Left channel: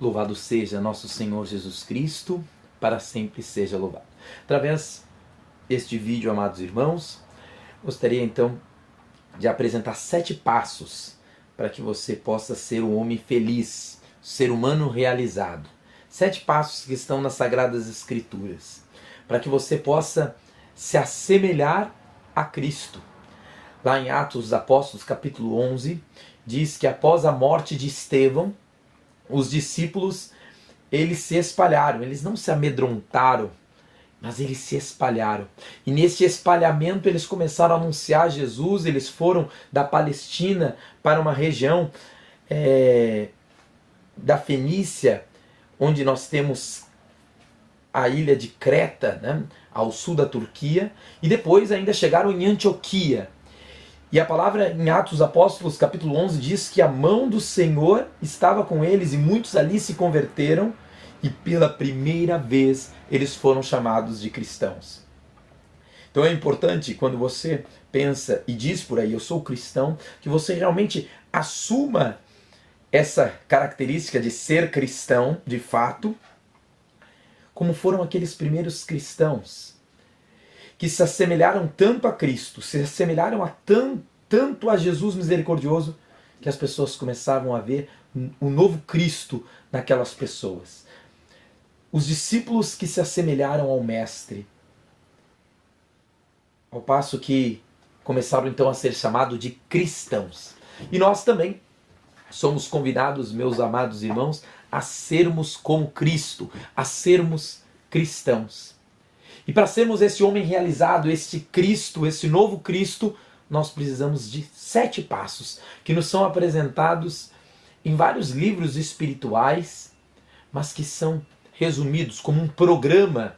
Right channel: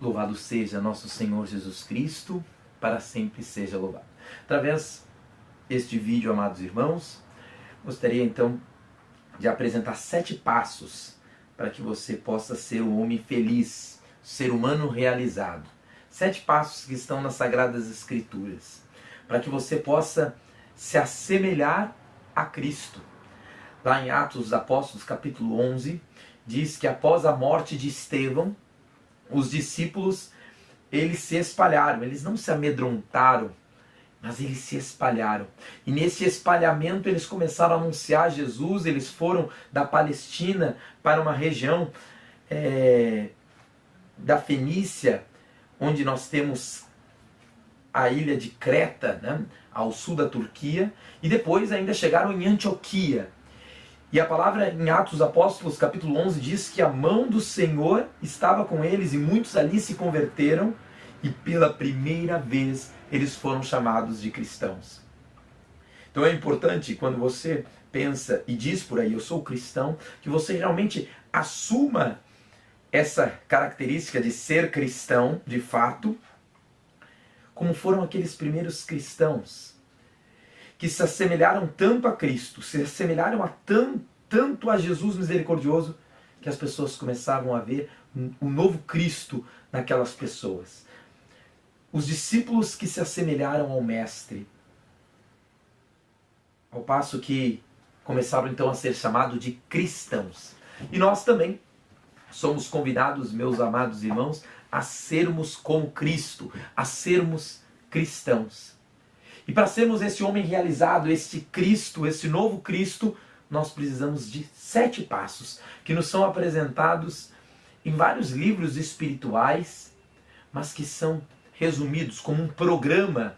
Louvado seja nosso Senhor Jesus Cristo, para sempre seja louvado. Através deste vídeo, amados irmãos, gostaria então de apresentar 7 passos para que você possa ser um homem feliz, ser humano realizado. 7 passos que estão nas Sagradas Escrituras, para que você possa se assemelhar a Cristo. Lá em Atos dos Apóstolos, capítulo 11, diz que após a morte de Estevão, os discípulos, eles se espalharam, eles não se amedrontaram, mas eles se espalharam. E nesse espalhamento eles começaram a anunciar Jesus, eles foram da Palestina para uma região da Fenícia, onde nós temos a ilha de Creta, né, ao sul da Turquia, e depois ainda chegaram em Antioquia. E a palavra em Atos dos Apóstolos, capítulo 11, diz que a mão do Senhor estava com eles e muitos ali se converteram e pela primeira vez eles foram chamados de cristãos. Então é importante, quando você pensa e diz por aí, eu sou cristão, que você realmente assuma essa característica de ser cristão, de fato, como foram aqueles primeiros cristãos que se assemelharam tanto a Cristo, se assemelharam tanto a Jesus misericordioso, que as pessoas começavam a ver o novo Cristo naquelas pessoas. Os discípulos que se assemelharam ao Mestre, ao passo que começaram então a ser chamados de cristãos. E nós também somos convidados, meus amados irmãos, a sermos como Cristo, a sermos cristãos. E para sermos esse homem realizado, esse Cristo, esse novo Cristo, nós precisamos de 7 passos que nos são apresentados em vários livros espirituais, mas que são resumidos como um programa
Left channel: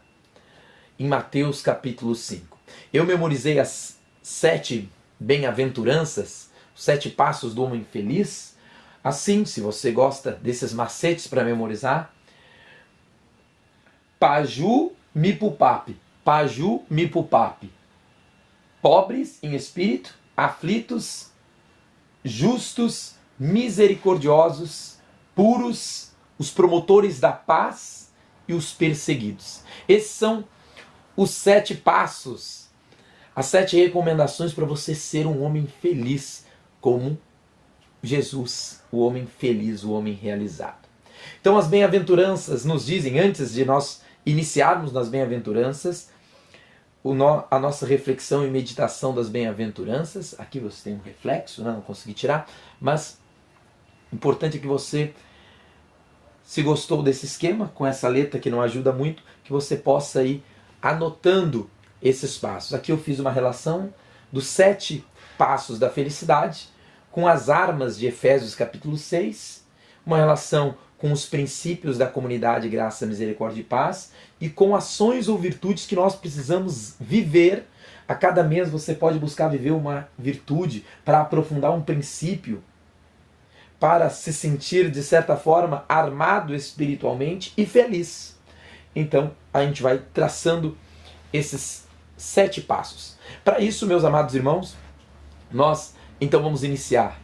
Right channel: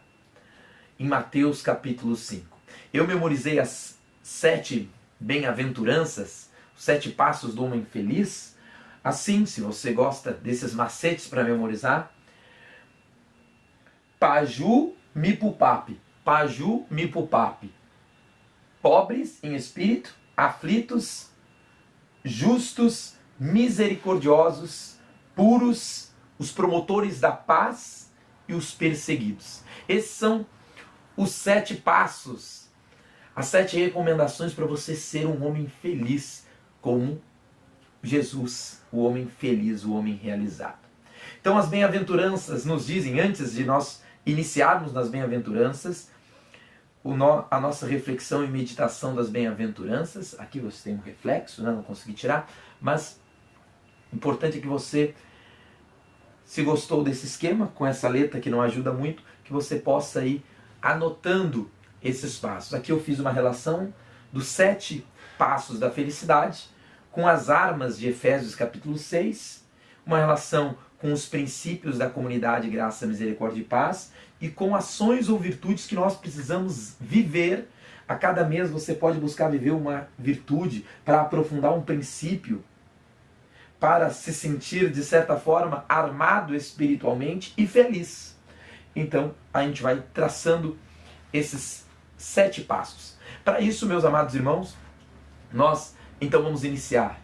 em Mateus capítulo 5. Eu memorizei as 7 bem-aventuranças, os 7 passos do homem feliz. Assim, se você gosta desses macetes para memorizar, Paju Mipupapi, Paju Mipupapi. Pobres em espírito, aflitos, justos, misericordiosos, puros, os promotores da paz e os perseguidos. Esses são os 7 passos, as 7 recomendações para você ser um homem feliz, como Jesus, o homem feliz, o homem realizado. Então as bem-aventuranças nos dizem, antes de nós iniciarmos nas bem-aventuranças, a nossa reflexão e meditação das bem-aventuranças. Aqui você tem um reflexo, né? Não consegui tirar, mas o importante é que você, se gostou desse esquema, com essa letra que não ajuda muito, que você possa ir anotando esses passos. Aqui eu fiz uma relação dos 7 passos da felicidade com as armas de Efésios capítulo 6, uma relação com os princípios da comunidade Graça, Misericórdia e Paz e com ações ou virtudes que nós precisamos viver. A cada mês você pode buscar viver uma virtude para aprofundar um princípio, para se sentir, de certa forma, armado espiritualmente e feliz. Então, a gente vai traçando esses 7 passos. Para isso, meus amados irmãos, nós então vamos iniciar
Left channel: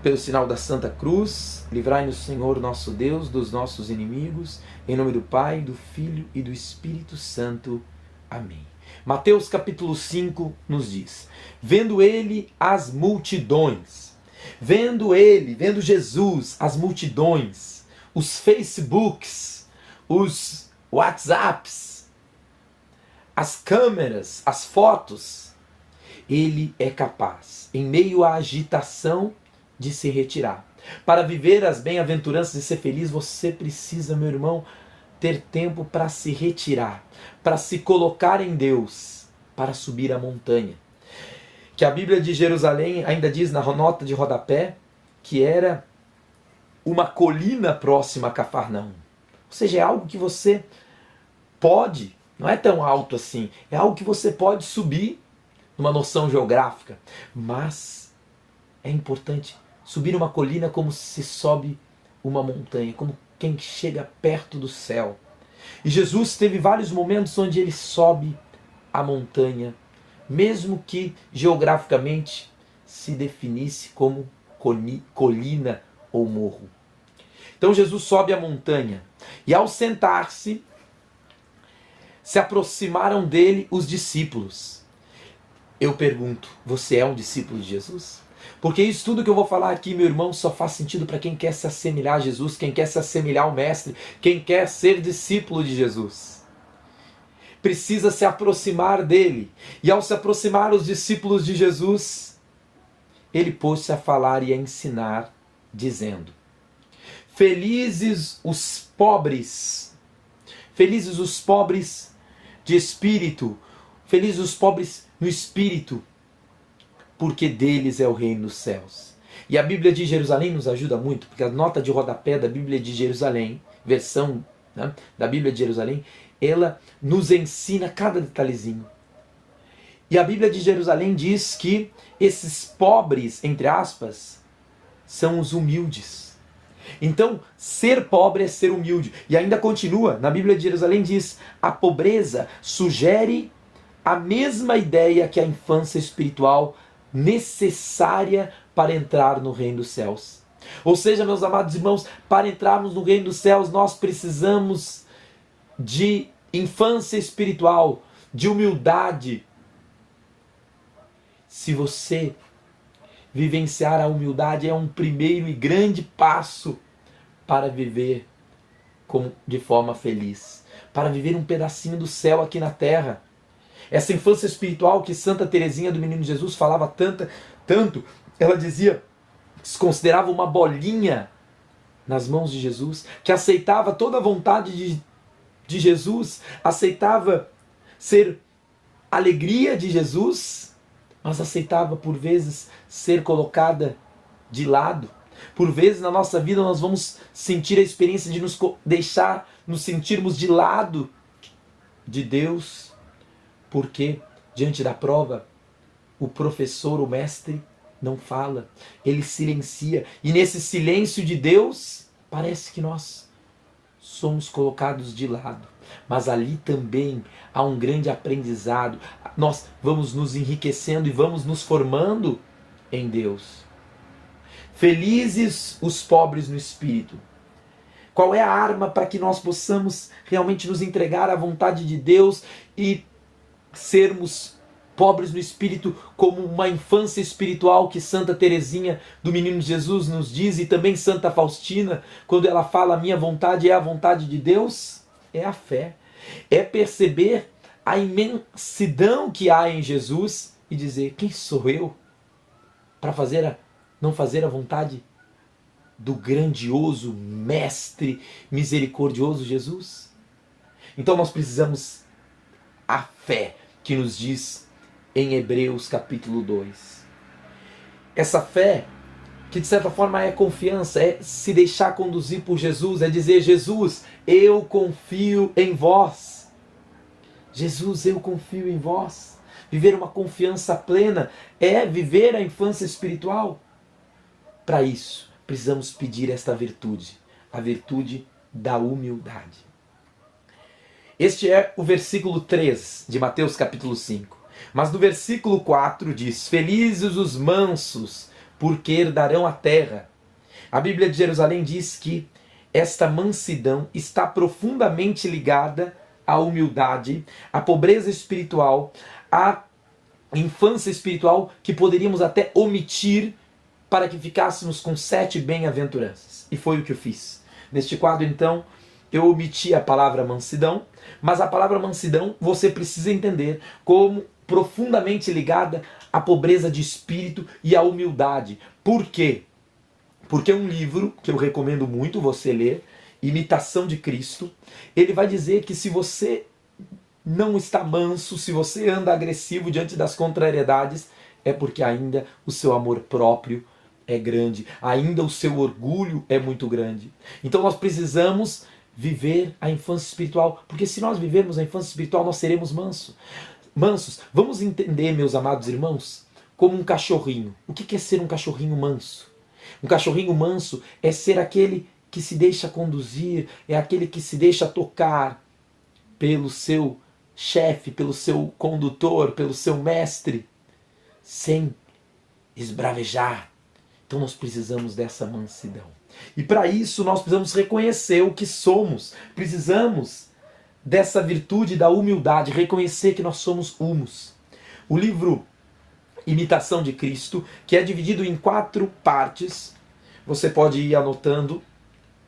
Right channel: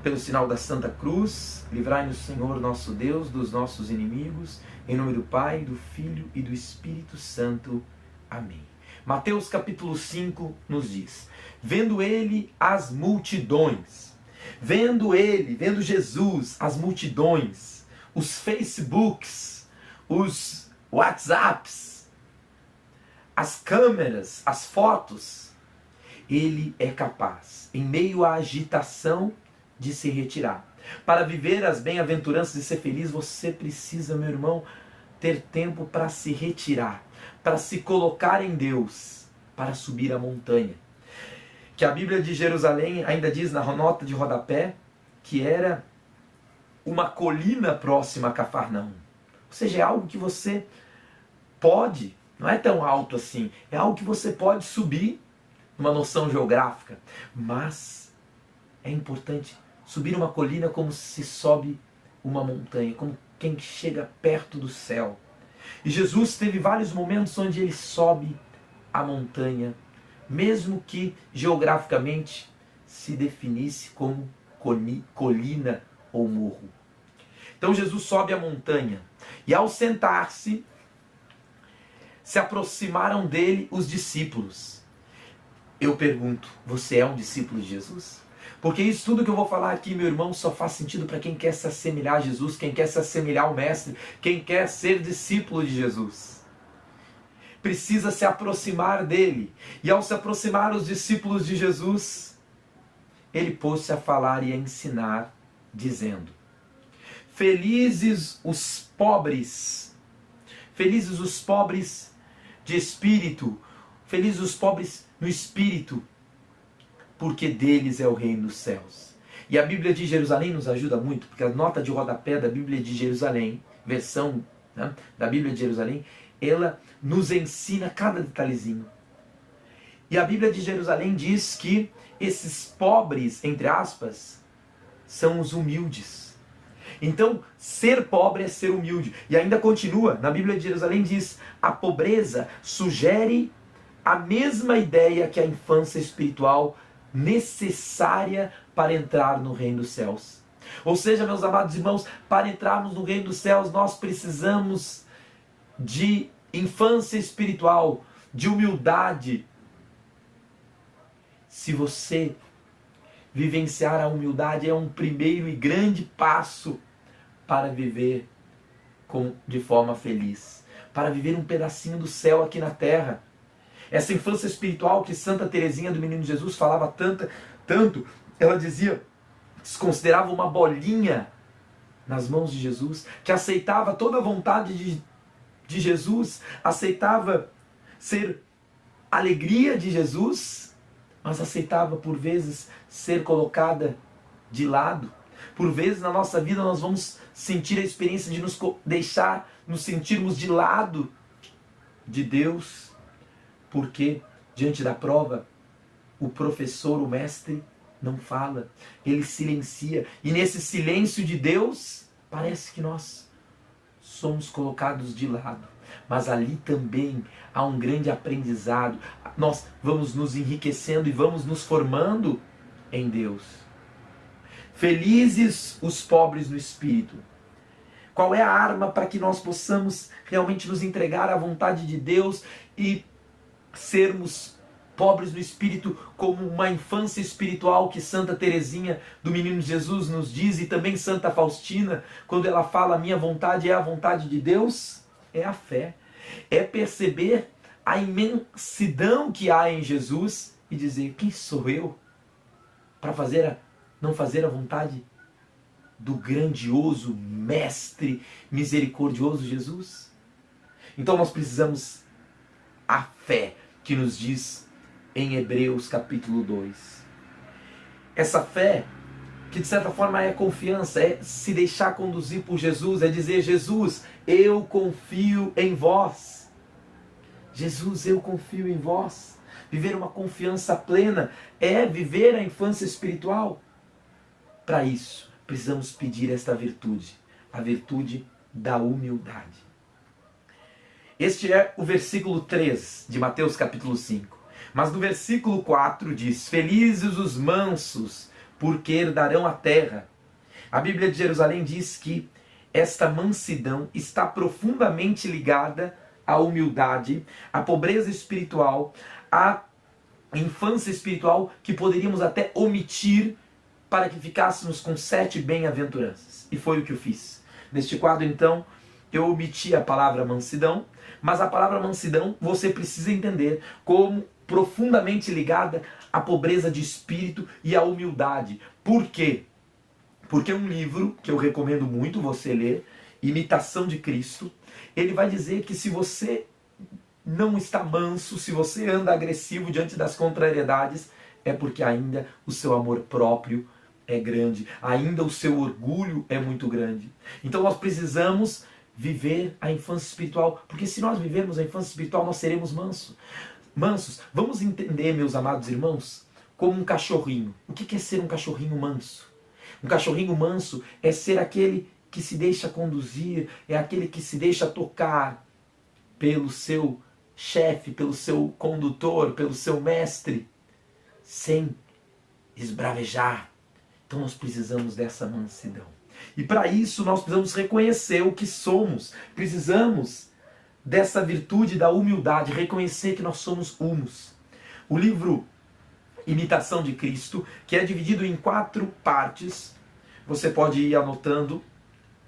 pelo sinal da Santa Cruz. Livrai-nos, Senhor nosso Deus, dos nossos inimigos, em nome do Pai, do Filho e do Espírito Santo. Amém. Mateus capítulo 5 nos diz: vendo ele as multidões, vendo Jesus, as multidões, os Facebooks, os WhatsApps, as câmeras, as fotos, ele é capaz, em meio à agitação, de se retirar. Para viver as bem-aventuranças e ser feliz, você precisa, meu irmão, ter tempo para se retirar, para se colocar em Deus, para subir a montanha. Que a Bíblia de Jerusalém ainda diz na nota de rodapé que era uma colina próxima a Cafarnaum. Ou seja, é algo que você pode, não é tão alto assim, é algo que você pode subir numa noção geográfica, mas é importante subir uma colina como se sobe uma montanha, como quem chega perto do céu. E Jesus teve vários momentos onde ele sobe a montanha, mesmo que geograficamente se definisse como colina ou morro. Então Jesus sobe a montanha e ao sentar-se, se aproximaram dele os discípulos. Eu pergunto, você é um discípulo de Jesus? Porque isso tudo que eu vou falar aqui, meu irmão, só faz sentido para quem quer se assemelhar a Jesus, quem quer se assemelhar ao Mestre, quem quer ser discípulo de Jesus. Precisa se aproximar dele. E ao se aproximar os discípulos de Jesus, ele pôs-se a falar e a ensinar, dizendo: felizes os pobres de espírito, felizes os pobres no espírito, porque deles é o reino dos céus. E a Bíblia de Jerusalém nos ajuda muito, porque a nota de rodapé da Bíblia de Jerusalém, versão, né, da Bíblia de Jerusalém, ela nos ensina cada detalhezinho. E a Bíblia de Jerusalém diz que esses pobres, entre aspas, são os humildes. Então, ser pobre é ser humilde. E ainda continua, na Bíblia de Jerusalém diz: a pobreza sugere a mesma ideia que a infância espiritual necessária para entrar no reino dos céus. Ou seja, meus amados irmãos, para entrarmos no reino dos céus, nós precisamos de infância espiritual, de humildade. Se você vivenciar a humildade, é um primeiro e grande passo para viver de forma feliz, para viver um pedacinho do céu aqui na terra. Essa infância espiritual que Santa Teresinha do Menino Jesus falava tanto, ela dizia, se considerava uma bolinha nas mãos de Jesus, que aceitava toda a vontade de Jesus, aceitava ser alegria de Jesus, mas aceitava por vezes ser colocada de lado. Por vezes na nossa vida nós vamos sentir a experiência de nos sentirmos de lado de Deus, porque diante da prova o professor, o mestre, não fala, ele silencia. E nesse silêncio de Deus, parece que nós somos colocados de lado. Mas ali também há um grande aprendizado. Nós vamos nos enriquecendo e vamos nos formando em Deus. Felizes os pobres no espírito. Qual é a arma para que nós possamos realmente nos entregar à vontade de Deus e sermos pobres no espírito, como uma infância espiritual que Santa Teresinha do Menino Jesus nos diz, e também Santa Faustina, quando ela fala: a minha vontade é a vontade de Deus? É a fé. É perceber a imensidão que há em Jesus e dizer: quem sou eu para não fazer a vontade do grandioso Mestre misericordioso Jesus? Então nós precisamos a fé que nos diz em Hebreus capítulo 2. Essa fé, que de certa forma é confiança, é se deixar conduzir por Jesus, é dizer: Jesus, eu confio em vós. Jesus, eu confio em vós. Viver uma confiança plena é viver a infância espiritual. Para isso, precisamos pedir esta virtude, a virtude da humildade. Este é o versículo 3 de Mateus capítulo 5. Mas no versículo 4 diz: felizes os mansos, porque herdarão a terra. A Bíblia de Jerusalém diz que esta mansidão está profundamente ligada à humildade, à pobreza espiritual, à infância espiritual, que poderíamos até omitir para que ficássemos com 7 bem-aventuranças. E foi o que eu fiz. Neste quadro, então, eu omiti a palavra mansidão, mas a palavra mansidão você precisa entender como profundamente ligada à pobreza de espírito e à humildade. Por quê? Porque é um livro que eu recomendo muito você ler, Imitação de Cristo. Ele vai dizer que se você não está manso, se você anda agressivo diante das contrariedades, é porque ainda o seu amor próprio é grande, ainda o seu orgulho é muito grande. Então nós precisamos viver a infância espiritual, porque se nós vivermos a infância espiritual, nós seremos mansos. Vamos entender, meus amados irmãos, como um cachorrinho. O que é ser um cachorrinho manso? Um cachorrinho manso é ser aquele que se deixa conduzir, é aquele que se deixa tocar pelo seu chefe, pelo seu condutor, pelo seu mestre, sem esbravejar. Então nós precisamos dessa mansidão. E para isso nós precisamos reconhecer o que somos. Precisamos dessa virtude da humildade, reconhecer que nós somos humus. O livro Imitação de Cristo, que é dividido em 4 partes, você pode ir anotando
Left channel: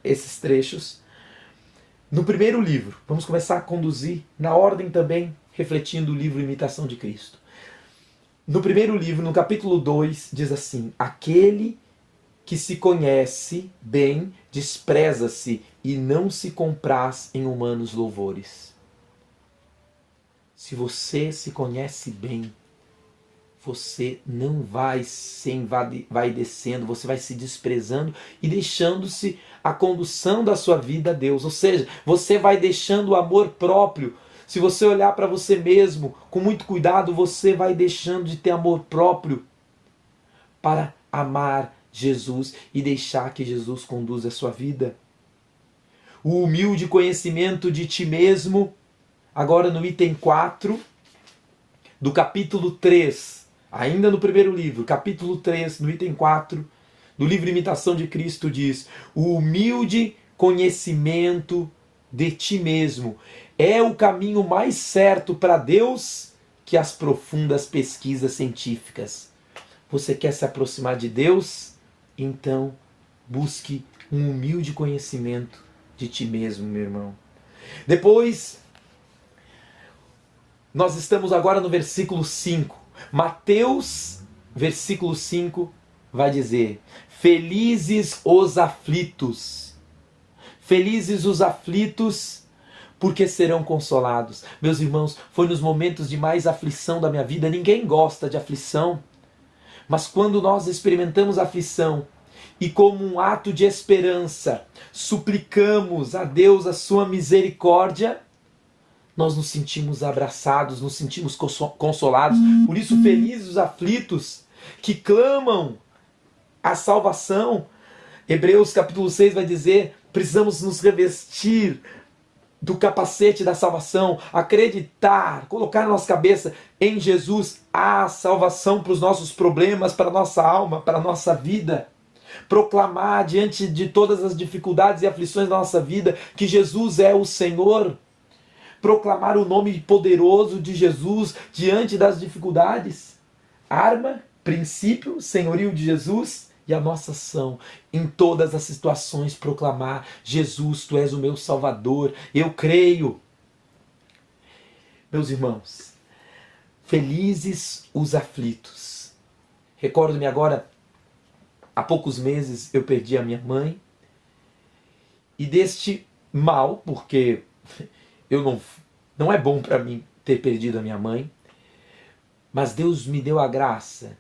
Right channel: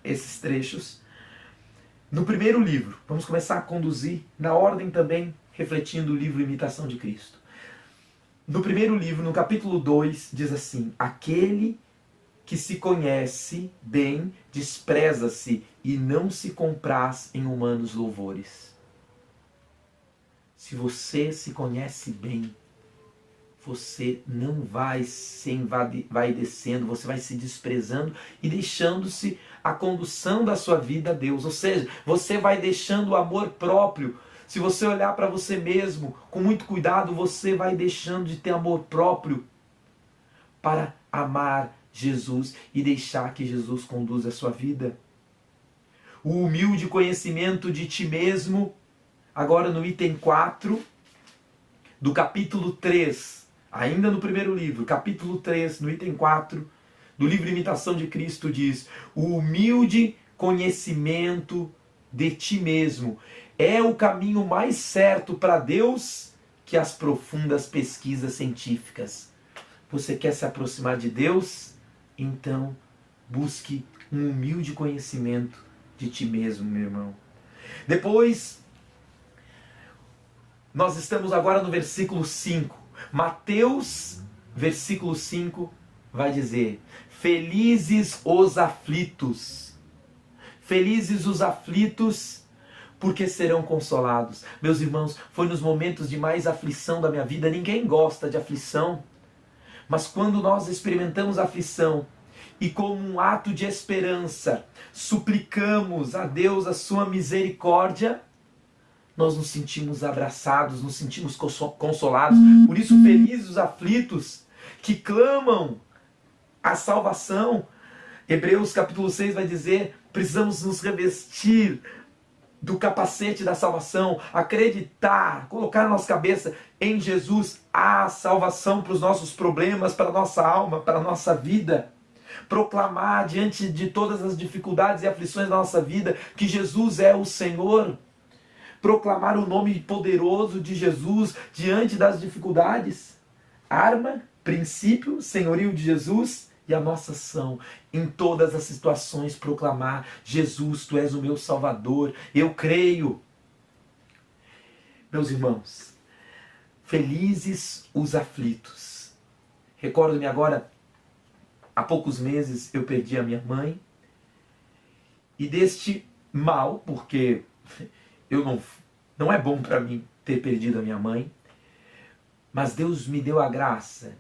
esses trechos. No primeiro livro, vamos começar a conduzir na ordem também, refletindo o livro Imitação de Cristo. No primeiro livro, no capítulo 2, diz assim: aquele que se conhece bem, despreza-se e não se compraz em humanos louvores. Se você se conhece bem, você não vai se descendo, você vai se desprezando e deixando-se a condução da sua vida a Deus. Ou seja, você vai deixando o amor próprio. Se você olhar para você mesmo com muito cuidado, você vai deixando de ter amor próprio para amar Jesus e deixar que Jesus conduza a sua vida. O humilde conhecimento de ti mesmo, agora no item 4 do capítulo 3, ainda no primeiro livro, capítulo 3, no item 4 do livro Imitação de Cristo, diz: o humilde conhecimento de ti mesmo é o caminho mais certo para Deus que as profundas pesquisas científicas. Você quer se aproximar de Deus? Então, busque um humilde conhecimento de ti mesmo, meu irmão. Depois, nós estamos agora no versículo 5. Mateus, versículo 5, vai dizer: felizes os aflitos. Felizes os aflitos, porque serão consolados. Meus irmãos, foi nos momentos de mais aflição da minha vida. Ninguém gosta de aflição. Mas quando nós experimentamos a aflição e como um ato de esperança suplicamos a Deus a sua misericórdia, nós nos sentimos abraçados, nos sentimos consolados. Por isso, felizes os aflitos que clamam a salvação. Hebreus capítulo 6 vai dizer: precisamos nos revestir do capacete da salvação, acreditar, colocar na nossa cabeça: em Jesus há salvação para os nossos problemas, para a nossa alma, para a nossa vida. Proclamar diante de todas as dificuldades e aflições da nossa vida que Jesus é o Senhor. Proclamar o nome poderoso de Jesus diante das dificuldades. Arma, princípio, senhorio de Jesus e a nossa ação. Em todas as situações proclamar: Jesus, Tu és o meu Salvador, eu creio. Meus irmãos, felizes os aflitos. Recordo-me agora, há poucos meses eu perdi a minha mãe. E deste mal, porque não é bom para mim ter perdido a minha mãe, mas Deus me deu a graça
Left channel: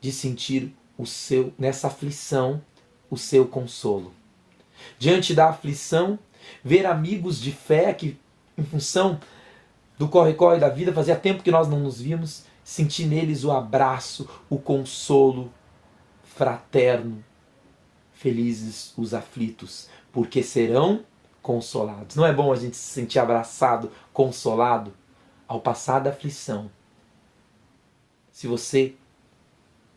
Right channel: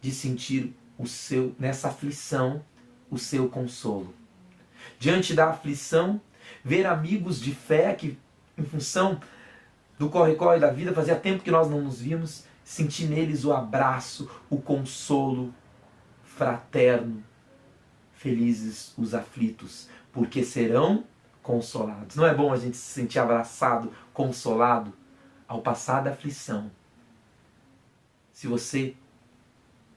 de sentir nessa aflição o seu consolo. Diante da aflição, ver amigos de fé que, em função do corre-corre da vida, fazia tempo que nós não nos vimos, sentir neles o abraço, o consolo fraterno. Felizes os aflitos, porque serão consolados. Não é bom a gente se sentir abraçado, consolado ao passar da aflição? Se você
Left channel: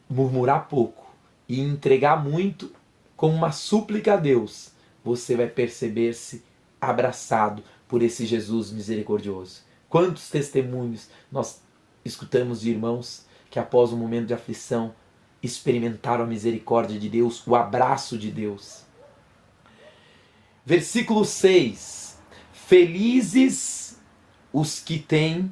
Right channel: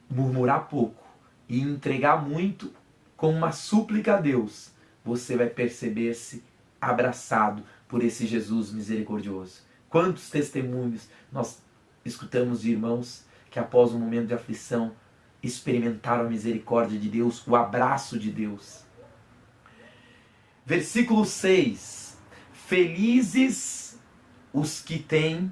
murmurar pouco e entregar muito com uma súplica a Deus, você vai perceber-se abraçado por esse Jesus misericordioso. Quantos testemunhos nós escutamos de irmãos que após um momento de aflição experimentaram a misericórdia de Deus, o abraço de Deus. Versículo 6. Felizes os que têm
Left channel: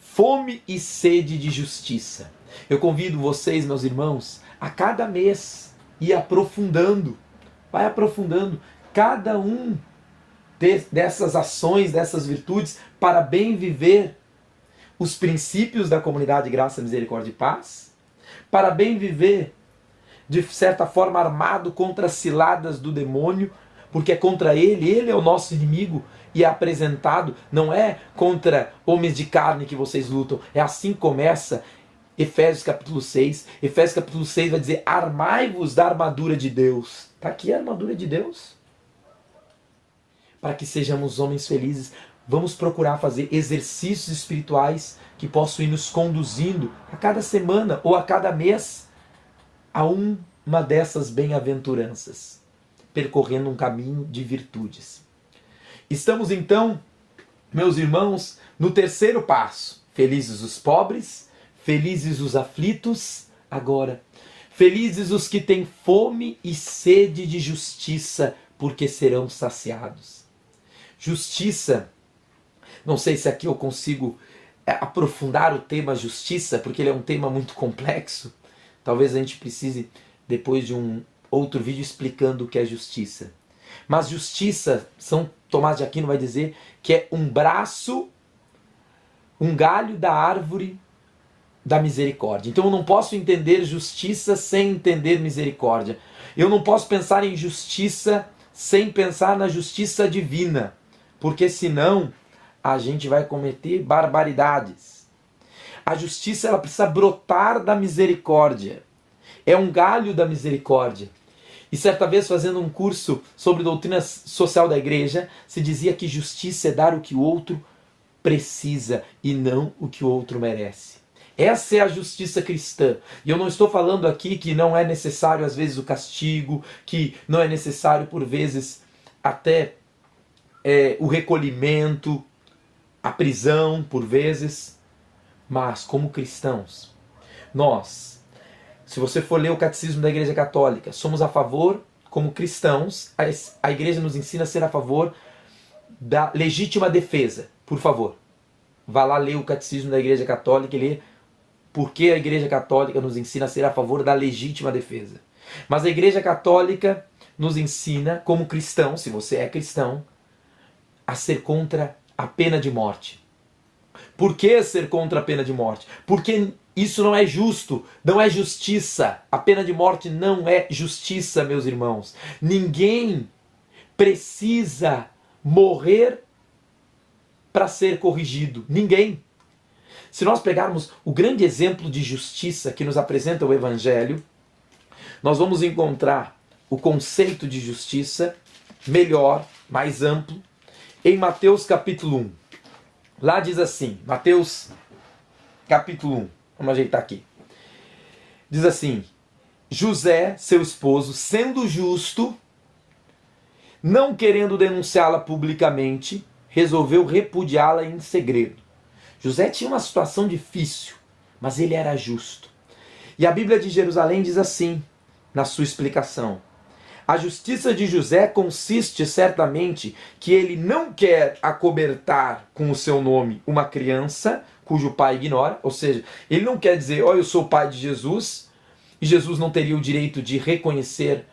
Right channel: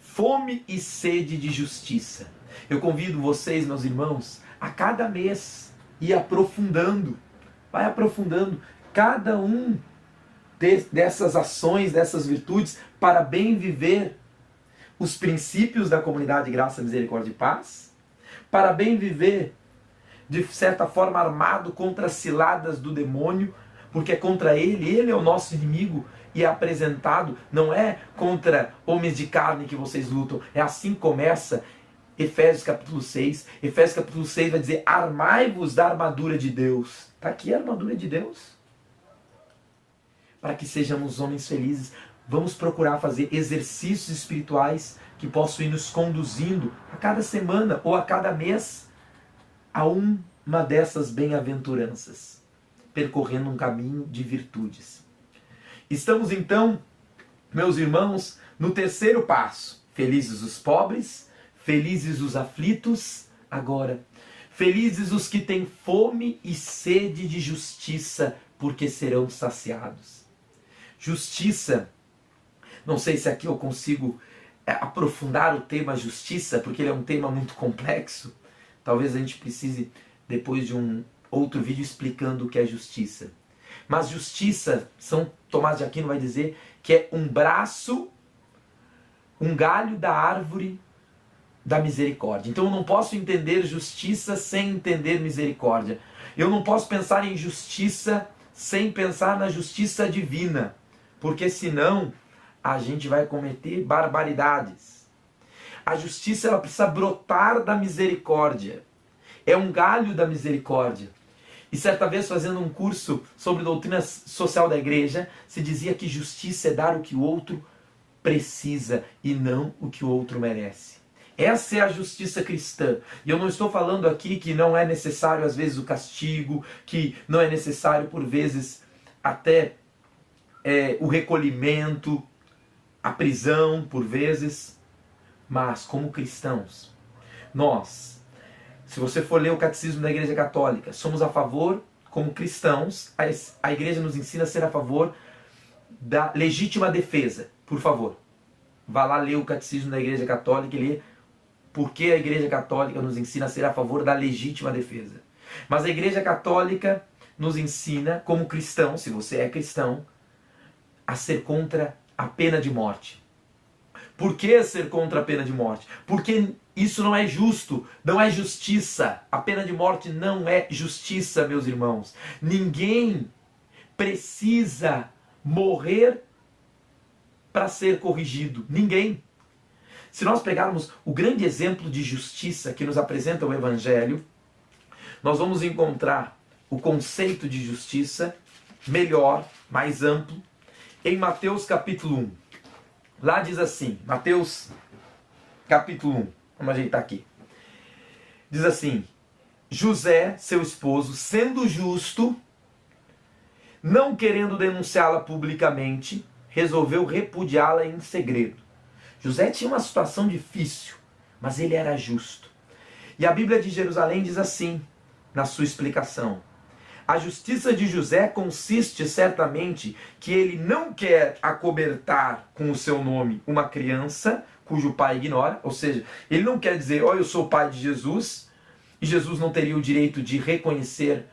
fome e sede de justiça. Eu convido vocês, meus irmãos, a cada mês ir aprofundando, vai aprofundando cada um dessas ações, dessas virtudes, para bem viver os princípios da comunidade Graça, Misericórdia e Paz, para bem viver, de certa forma, armado contra as ciladas do demônio, porque é contra ele é o nosso inimigo, e é apresentado, não é contra homens de carne que vocês lutam, é assim que começa Efésios capítulo 6. Efésios capítulo 6 vai dizer: armai-vos da armadura de Deus. Está aqui a armadura de Deus. Para que sejamos homens felizes, vamos procurar fazer exercícios espirituais que possam ir nos conduzindo a cada semana ou a cada mês a uma dessas bem-aventuranças. percorrendo um caminho de virtudes. Estamos então, meus irmãos, no terceiro passo. Felizes os pobres, felizes os aflitos. Agora, felizes os que têm fome e sede de justiça, porque serão saciados. Justiça, não sei se aqui eu consigo aprofundar o tema justiça, porque ele é um tema muito complexo. Talvez a gente precise, depois de um outro vídeo, explicando o que é justiça. Mas justiça, São Tomás de Aquino vai dizer que é um braço, um galho da árvore da misericórdia. Então eu não posso entender justiça sem entender misericórdia. Eu não posso pensar em justiça sem pensar na justiça divina, porque senão a gente vai cometer barbaridades. A justiça, ela precisa brotar da misericórdia. É um galho da misericórdia. E certa vez, fazendo um curso sobre doutrina social da igreja, se dizia que justiça é dar o que o outro precisa e não o que o outro merece. Essa é a justiça cristã. E eu não estou falando aqui que não é necessário, às vezes, o castigo, que não é necessário, por vezes, até o recolhimento, a prisão, por vezes. Mas, como cristãos, nós, se você for ler o Catecismo da Igreja Católica, somos a favor, como cristãos, a Igreja nos ensina a ser a favor da legítima defesa. Por favor, vá lá ler o Catecismo da Igreja Católica e lê porque a Igreja Católica nos ensina a ser a favor da legítima defesa. Mas a Igreja Católica nos ensina, como cristão, se você é cristão, a ser contra a pena de morte. Por que ser contra a pena de morte? Porque isso não é justo, não é justiça. A pena de morte não é justiça, meus irmãos. Ninguém precisa morrer para ser corrigido. Ninguém. Se nós pegarmos o grande exemplo de justiça que nos apresenta o Evangelho, nós vamos encontrar o conceito de justiça melhor, mais amplo, em Mateus capítulo 1. Lá diz assim, Mateus capítulo 1, vamos ajeitar aqui. Diz assim, José, seu esposo, sendo justo, não querendo denunciá-la publicamente, resolveu repudiá-la em segredo. José tinha uma situação difícil, mas ele era justo. E a Bíblia de Jerusalém diz assim, na sua explicação, a justiça de José consiste certamente que ele não quer acobertar com o seu nome uma criança cujo pai ignora, ou seja, ele não quer dizer, eu sou o pai de Jesus, e Jesus não teria o direito de reconhecer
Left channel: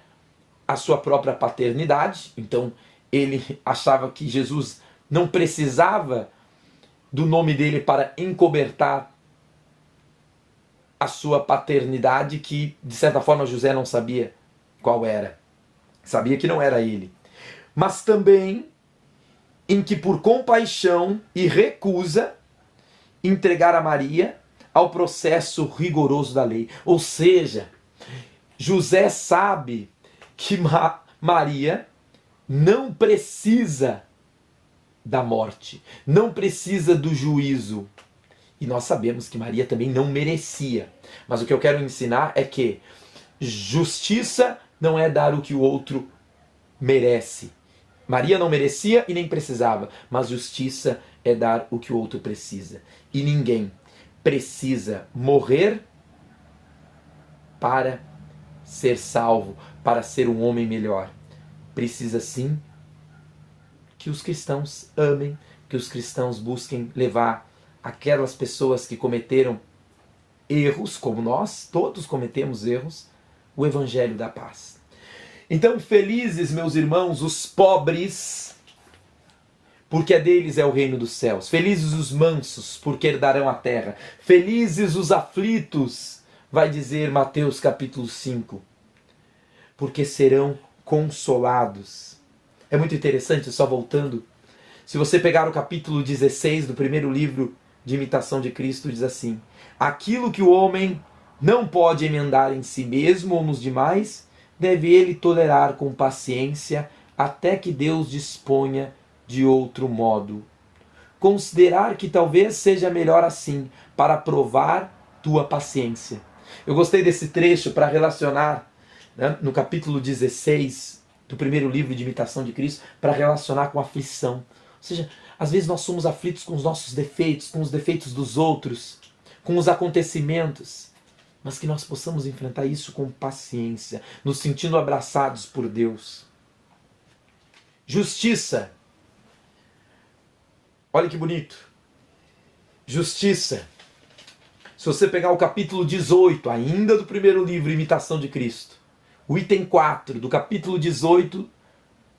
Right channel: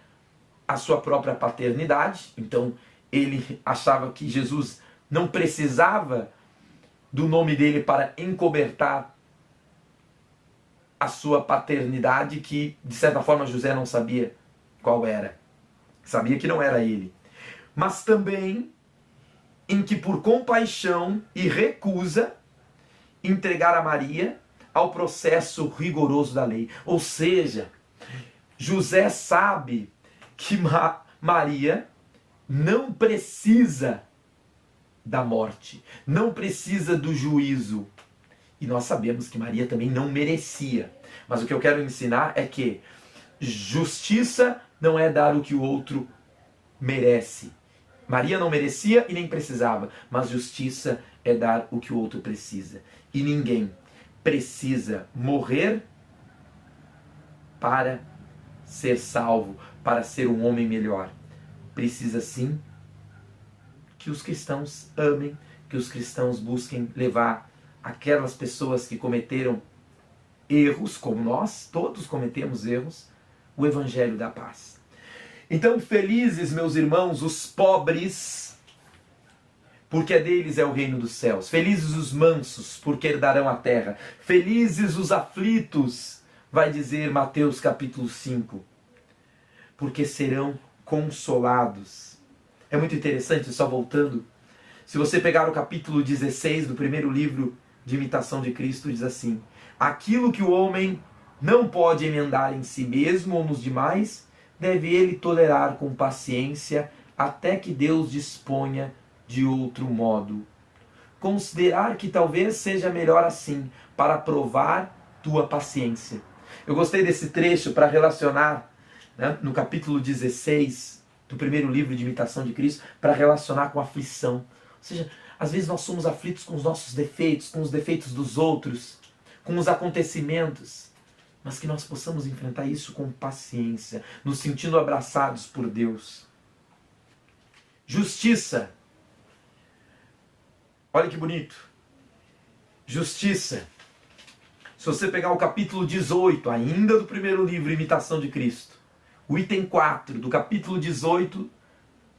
a sua própria paternidade, então ele achava que Jesus não precisava do nome dele para encobertar a sua paternidade, que de certa forma José não sabia qual era. Sabia que não era ele. Mas também em que por compaixão e recusa entregar a Maria ao processo rigoroso da lei. Ou seja, José sabe que Maria não precisa da morte, não precisa do juízo. E nós sabemos que Maria também não merecia. Mas o que eu quero ensinar é que justiça não é dar o que o outro merece. Maria não merecia e nem precisava, mas justiça é dar o que o outro precisa. E ninguém precisa morrer para ser salvo, para ser um homem melhor. Precisa sim que os cristãos amem, que os cristãos busquem levar aquelas pessoas que cometeram erros, como nós, todos cometemos erros, o Evangelho da paz. Então, felizes, meus irmãos, os pobres, porque deles é o reino dos céus. Felizes os mansos, porque herdarão a terra. Felizes os aflitos, vai dizer Mateus capítulo 5, porque serão consolados. É muito interessante, só voltando, se você pegar o capítulo 16 do primeiro livro de Imitação de Cristo, diz assim, aquilo que o homem não pode emendar em si mesmo ou nos demais, deve ele tolerar com paciência até que Deus disponha de outro modo. Considerar que talvez seja melhor assim, para provar tua paciência. Eu gostei desse trecho para relacionar, né, no capítulo 16 do primeiro livro de imitação de Cristo, para relacionar com a aflição. Ou seja, às vezes nós somos aflitos com os nossos defeitos, com os defeitos dos outros, com os acontecimentos, mas que nós possamos enfrentar isso com paciência, nos sentindo abraçados por Deus. Justiça. Olha que bonito. Justiça. Se você pegar o capítulo 18, ainda do primeiro livro, Imitação de Cristo, o item 4 do capítulo 18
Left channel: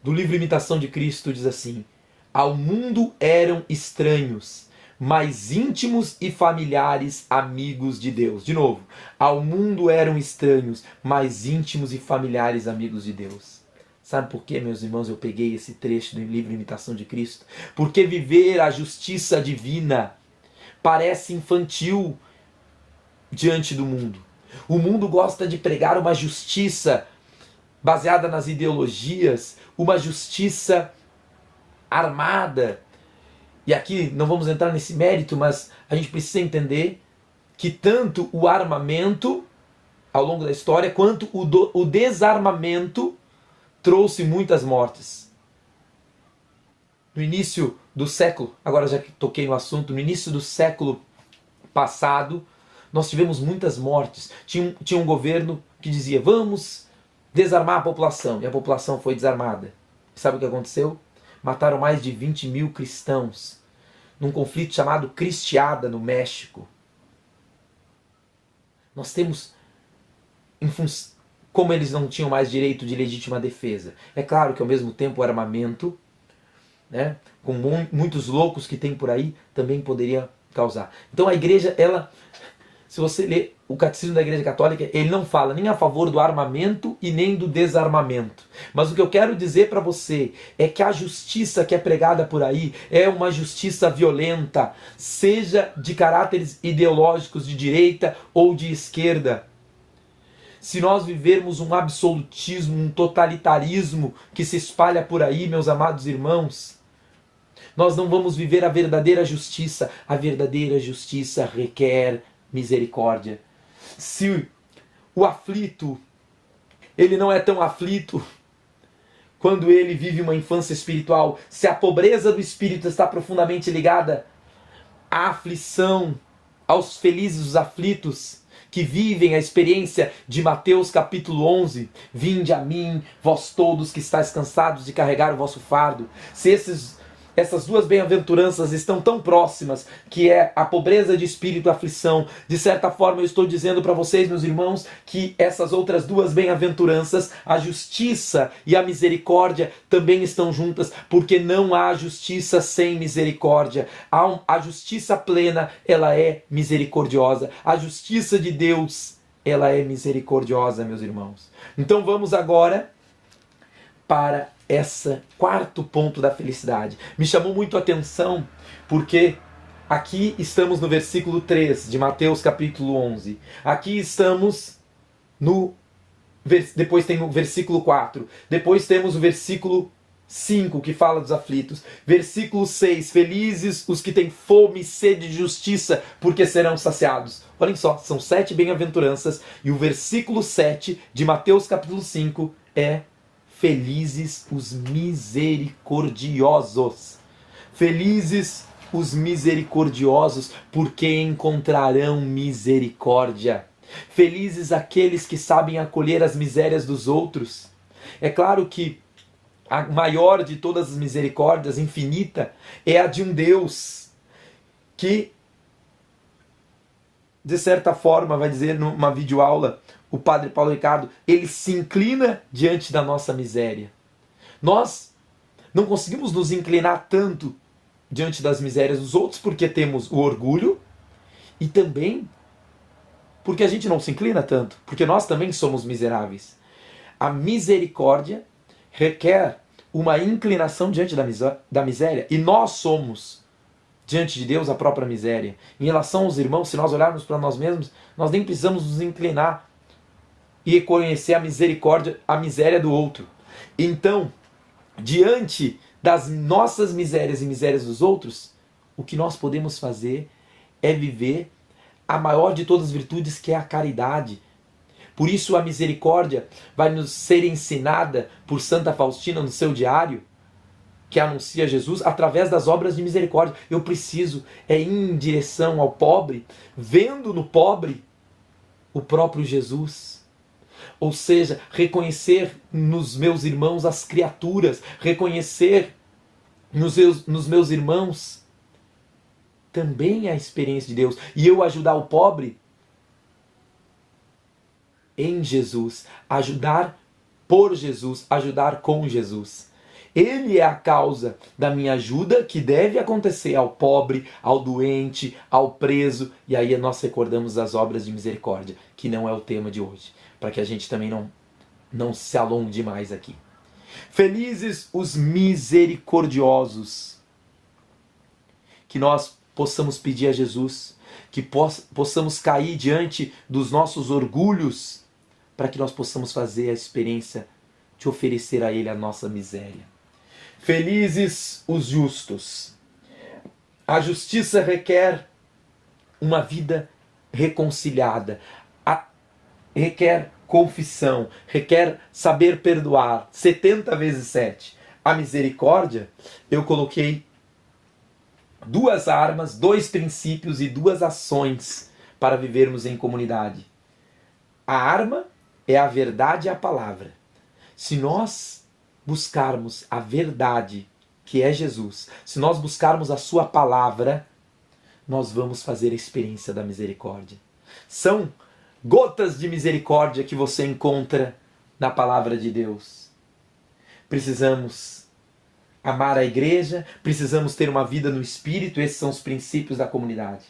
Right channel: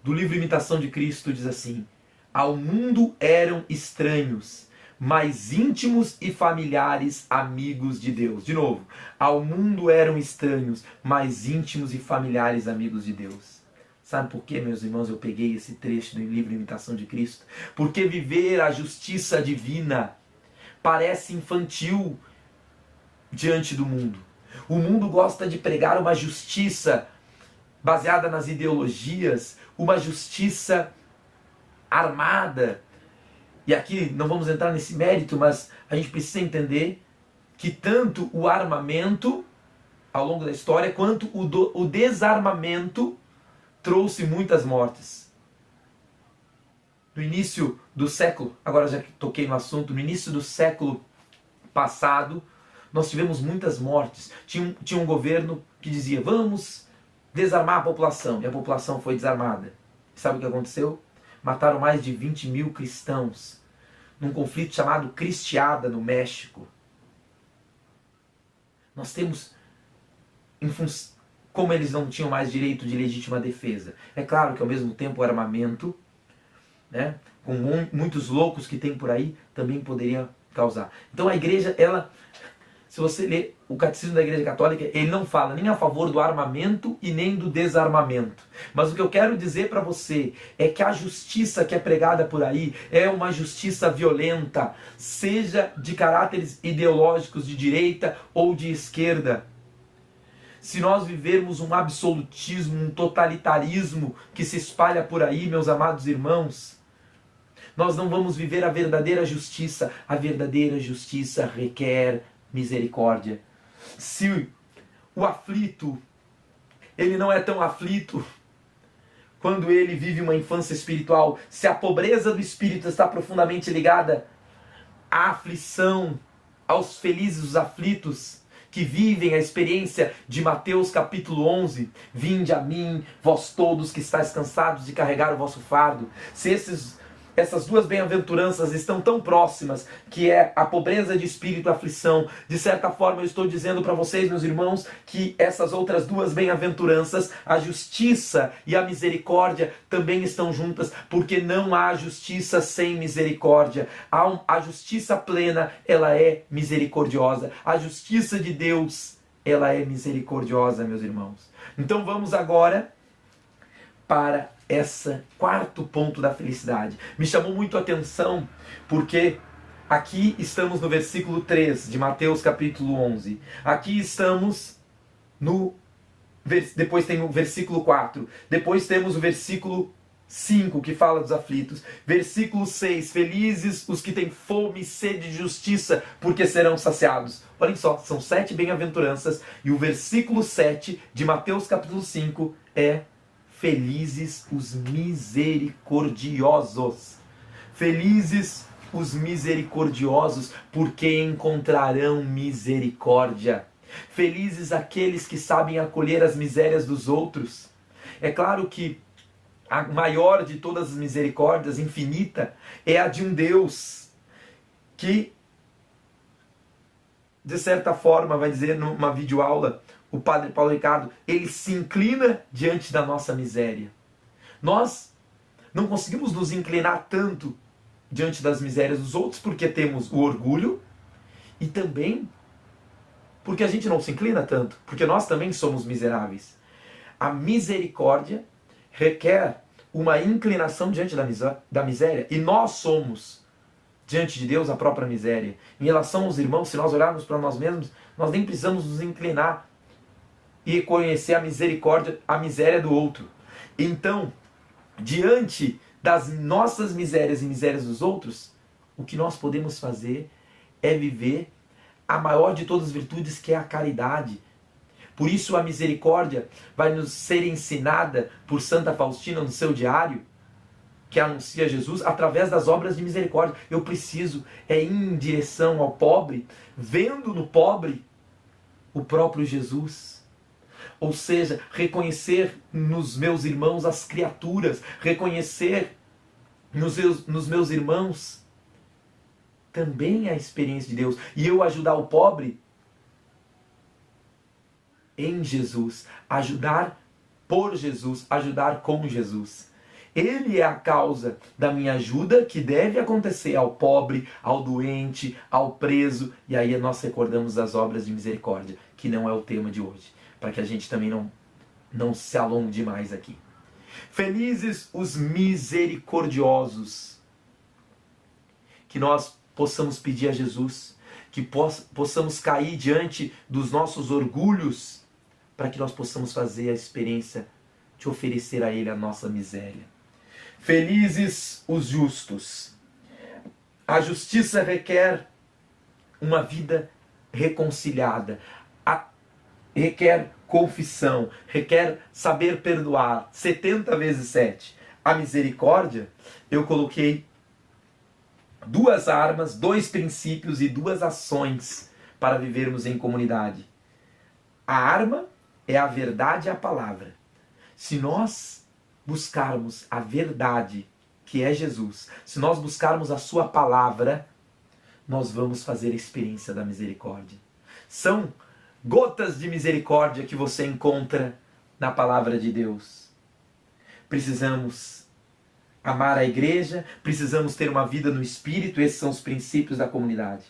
do livro Imitação de Cristo diz assim: ao mundo eram estranhos, mas íntimos e familiares amigos de Deus. De novo, ao mundo eram estranhos, mas íntimos e familiares amigos de Deus. Sabe por quê, meus irmãos, eu peguei esse trecho do livro Imitação de Cristo? Porque viver a justiça divina parece infantil diante do mundo. O mundo gosta de pregar uma justiça baseada nas ideologias, uma justiça armada. E aqui não vamos entrar nesse mérito, mas a gente precisa entender que tanto o armamento, ao longo da história, quanto o desarmamento trouxe muitas mortes. No início do século, agora já que toquei no assunto, no início do século passado, nós tivemos muitas mortes. Tinha um governo que dizia, vamos desarmar a população. E a população foi desarmada. Sabe o que aconteceu? Mataram mais de 20 mil cristãos num conflito chamado Cristiada, no México. Nós temos, como eles não tinham mais direito de legítima defesa. É claro que ao mesmo tempo o armamento, né, com muitos loucos que tem por aí, também poderia causar. Então a igreja, ela, se você ler o catecismo da Igreja Católica, ele não fala nem a favor do armamento e nem do desarmamento. Mas o que eu quero dizer para você é que a justiça que é pregada por aí é uma justiça violenta, seja de caráteres ideológicos de direita ou de esquerda. Se nós vivermos um absolutismo, um totalitarismo que se espalha por aí, meus amados irmãos, nós não vamos viver a verdadeira justiça. A verdadeira justiça requer misericórdia. Se o aflito, ele não é tão aflito quando ele vive uma infância espiritual, se a pobreza do espírito está profundamente ligada à aflição, aos felizes os aflitos, que vivem a experiência de Mateus capítulo 11, vinde a mim, vós todos que estáis cansados de carregar o vosso fardo. Se essas duas bem-aventuranças estão tão próximas, que é a pobreza de espírito e a aflição, de certa forma eu estou dizendo para vocês, meus irmãos, que essas outras duas bem-aventuranças, a justiça e a misericórdia, também estão juntas, porque não há justiça sem misericórdia. A justiça plena, ela é misericordiosa. A justiça de Deus, ela é misericordiosa, meus irmãos. Então vamos agora para esse quarto ponto da felicidade. Me chamou muito a atenção porque aqui estamos no versículo 3 de Mateus capítulo 11. Aqui estamos depois tem o versículo 4. Depois temos o versículo 5 que fala dos aflitos. Versículo 6. Felizes os que têm fome e sede de justiça, porque serão saciados. Olhem só, são 7 bem-aventuranças e o versículo 7 de Mateus capítulo 5 é felizes os misericordiosos. Felizes os misericordiosos, porque encontrarão misericórdia. Felizes aqueles que sabem acolher as misérias dos outros. É claro que a maior de todas as misericórdias, infinita, é a de um Deus que, de certa forma, vai dizer numa videoaula, o padre Paulo Ricardo, ele se inclina diante da nossa miséria. Nós não conseguimos nos inclinar tanto diante das misérias dos outros porque temos o orgulho e também porque a gente não se inclina tanto, porque nós também somos miseráveis. A misericórdia requer uma inclinação diante da miséria e nós somos, diante de Deus, a própria miséria. Em relação aos irmãos, se nós olharmos para nós mesmos, nós nem precisamos nos inclinar e reconhecer a misericórdia, a miséria do outro. Então, diante das nossas misérias e misérias dos outros, o que nós podemos fazer é viver a maior de todas as virtudes, que é a caridade. Por isso a misericórdia vai nos ser ensinada por Santa Faustina no seu diário, que anuncia Jesus, através das obras de misericórdia. Eu preciso ir em direção ao pobre, vendo no pobre o próprio Jesus. Ou seja, reconhecer nos meus irmãos as criaturas, reconhecer nos meus irmãos também a experiência de Deus. E eu ajudar o pobre em Jesus, ajudar por Jesus, ajudar com Jesus. Ele é a causa da minha ajuda que deve acontecer ao pobre, ao doente, ao preso. E aí nós recordamos as obras de misericórdia, que não é o tema de hoje, para que a gente também não se alongue demais aqui. Felizes os misericordiosos. Que nós possamos pedir a Jesus, que possamos cair diante dos nossos orgulhos, para que nós possamos fazer a experiência de oferecer a Ele a nossa miséria. Felizes os justos. A justiça requer uma vida reconciliada, requer confissão, requer saber perdoar, 70 vezes 7. A misericórdia, eu coloquei 2 armas, 2 princípios e 2 ações para vivermos em comunidade. A arma é a verdade e a palavra. Se nós buscarmos a verdade, que é Jesus, se nós buscarmos a sua palavra, nós vamos fazer a experiência da misericórdia. São gotas de misericórdia que você encontra na palavra de Deus. Precisamos amar a igreja, precisamos ter uma vida no Espírito, esses são os princípios da comunidade.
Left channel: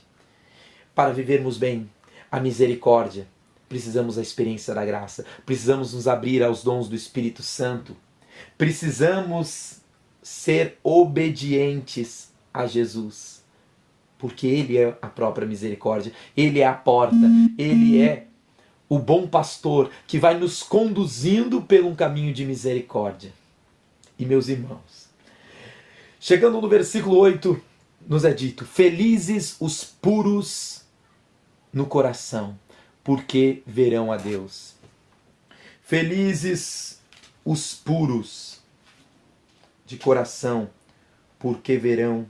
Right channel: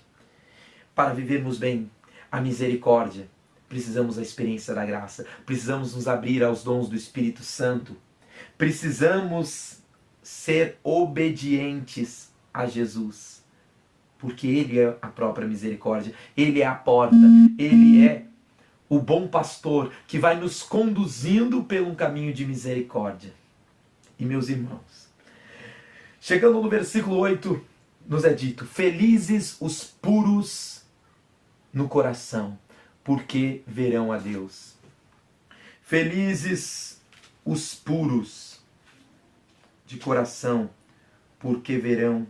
Para vivermos bem a misericórdia, precisamos da experiência da graça, precisamos nos abrir aos dons do Espírito Santo, precisamos ser obedientes a Jesus, porque Ele é a própria misericórdia, Ele é a porta, Ele é o bom pastor que vai nos conduzindo pelo um caminho de misericórdia. E meus irmãos, chegando no versículo 8, nos é dito: felizes os puros no coração, porque verão a Deus. Felizes os puros de coração, porque verão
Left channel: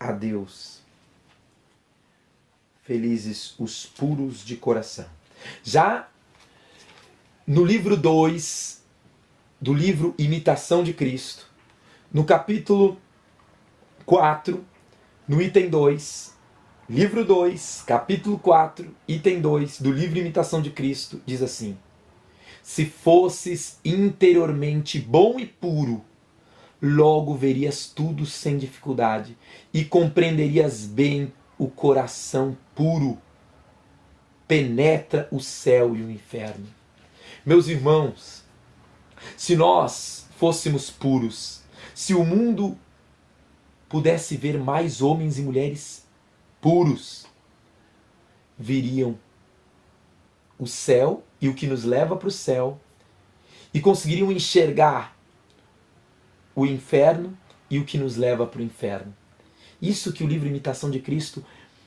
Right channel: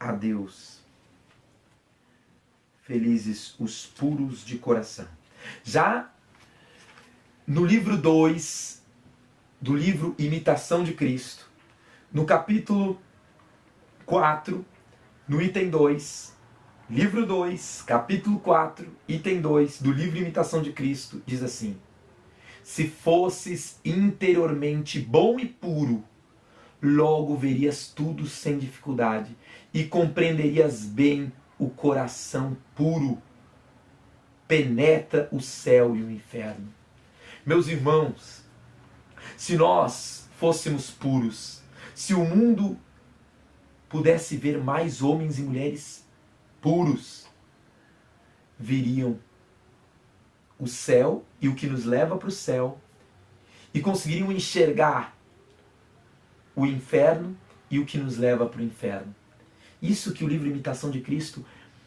a Deus. Felizes os puros de coração. Já no livro 2 do livro Imitação de Cristo, no capítulo 4, no item 2, livro 2, capítulo 4, item 2 do livro Imitação de Cristo, diz assim: se fosses interiormente bom e puro, logo verias tudo sem dificuldade e compreenderias bem o coração puro. Penetra o céu e o inferno. Meus irmãos, se nós fôssemos puros, se o mundo pudesse ver mais homens e mulheres puros, viriam o céu e o que nos leva para o céu e conseguiriam enxergar o inferno e o que nos leva para o inferno. Isso que o livro Imitação de Cristo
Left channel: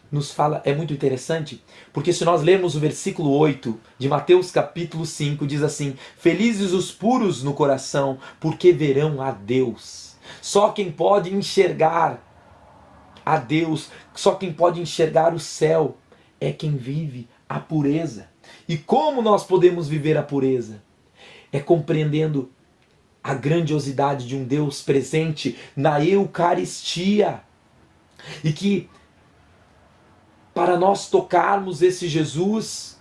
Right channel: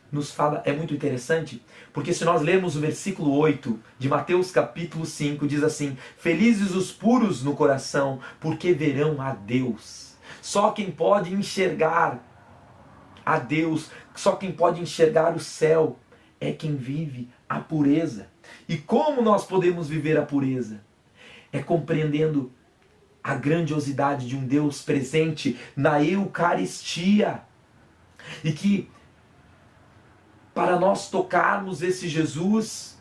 nos fala é muito interessante, porque se nós lermos o versículo 8 de Mateus capítulo 5, diz assim: felizes os puros no coração, porque verão a Deus. Só quem pode enxergar a Deus, só quem pode enxergar o céu, é quem vive a pureza. E como nós podemos viver a pureza? É compreendendo a grandiosidade de um Deus presente na Eucaristia. E que para nós tocarmos esse Jesus,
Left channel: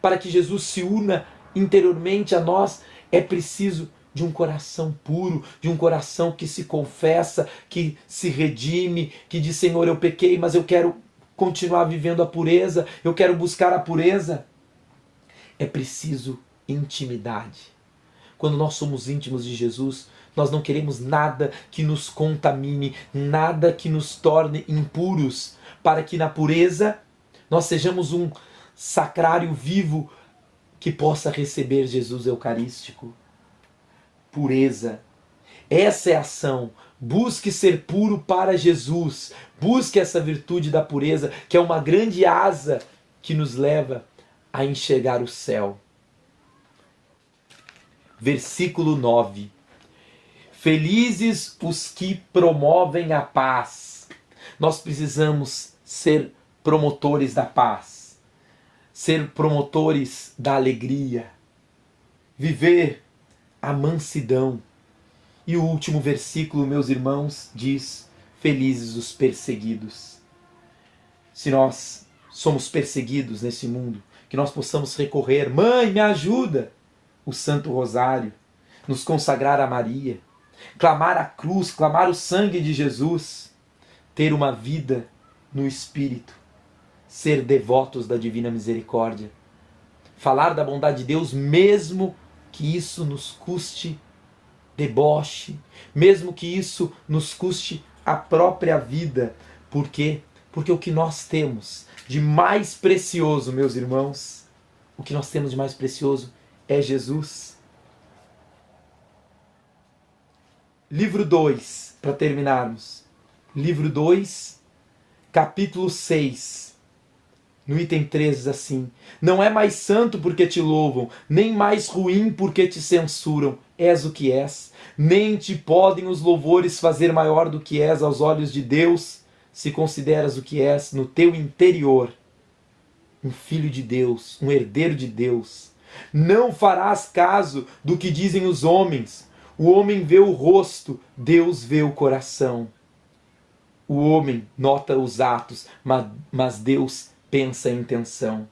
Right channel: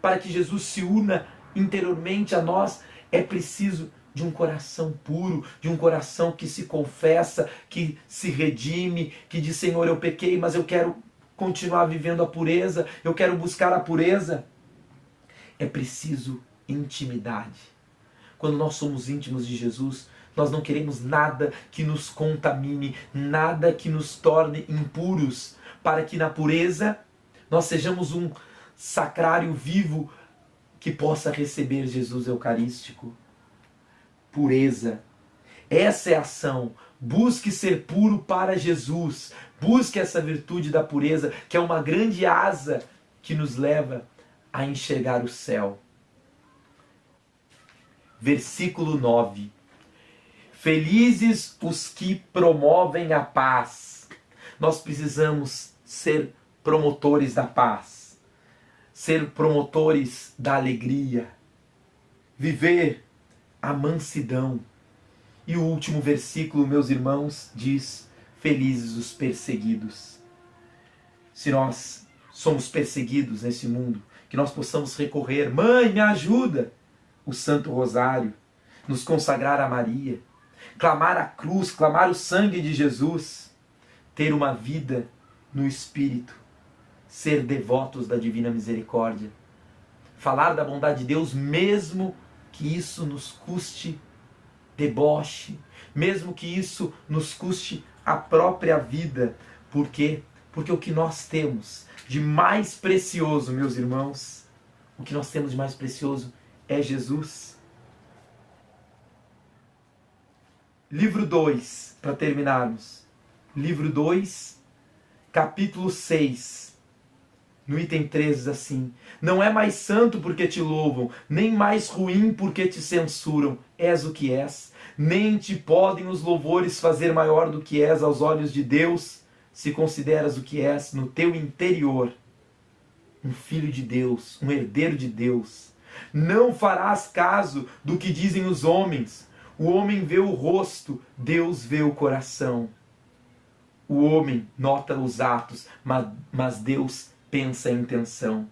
para que Jesus se una interiormente a nós, é preciso de um coração puro, de um coração que se confessa, que se redime, que diz: Senhor, eu pequei, mas eu quero continuar vivendo a pureza, eu quero buscar a pureza. É preciso intimidade. Quando nós somos íntimos de Jesus, nós não queremos nada que nos contamine, nada que nos torne impuros, para que na pureza nós sejamos um sacrário vivo que possa receber Jesus Eucarístico. Pureza. Essa é a ação. Busque ser puro para Jesus. Busque essa virtude da pureza, que é uma grande asa que nos leva a enxergar o céu. Versículo 9. Felizes os que promovem a paz. Nós precisamos ser promotores da paz, ser promotores da alegria, viver a mansidão. E o último versículo, meus irmãos, diz: felizes os perseguidos. Se nós somos perseguidos nesse mundo, que nós possamos recorrer: Mãe, me ajuda! O Santo Rosário, nos consagrar a Maria, clamar a cruz, clamar o sangue de Jesus, ter uma vida no Espírito, ser devotos da Divina Misericórdia, falar da bondade de Deus, mesmo que isso nos custe deboche, mesmo que isso nos custe a própria vida. Por quê? Porque o que nós temos de mais precioso, meus irmãos, o que nós temos de mais precioso é Jesus. Livro 2, para terminarmos. Livro 2, capítulo 6. No item 3 diz assim: não é mais santo porque te louvam, nem mais ruim porque te censuram. És o que és. Nem te podem os louvores fazer maior do que és aos olhos de Deus, se consideras o que és no teu interior. Um filho de Deus, um herdeiro de Deus. Não farás caso do que dizem os homens. O homem vê o rosto, Deus vê o coração. O homem nota os atos, mas Deus pensa a intenção.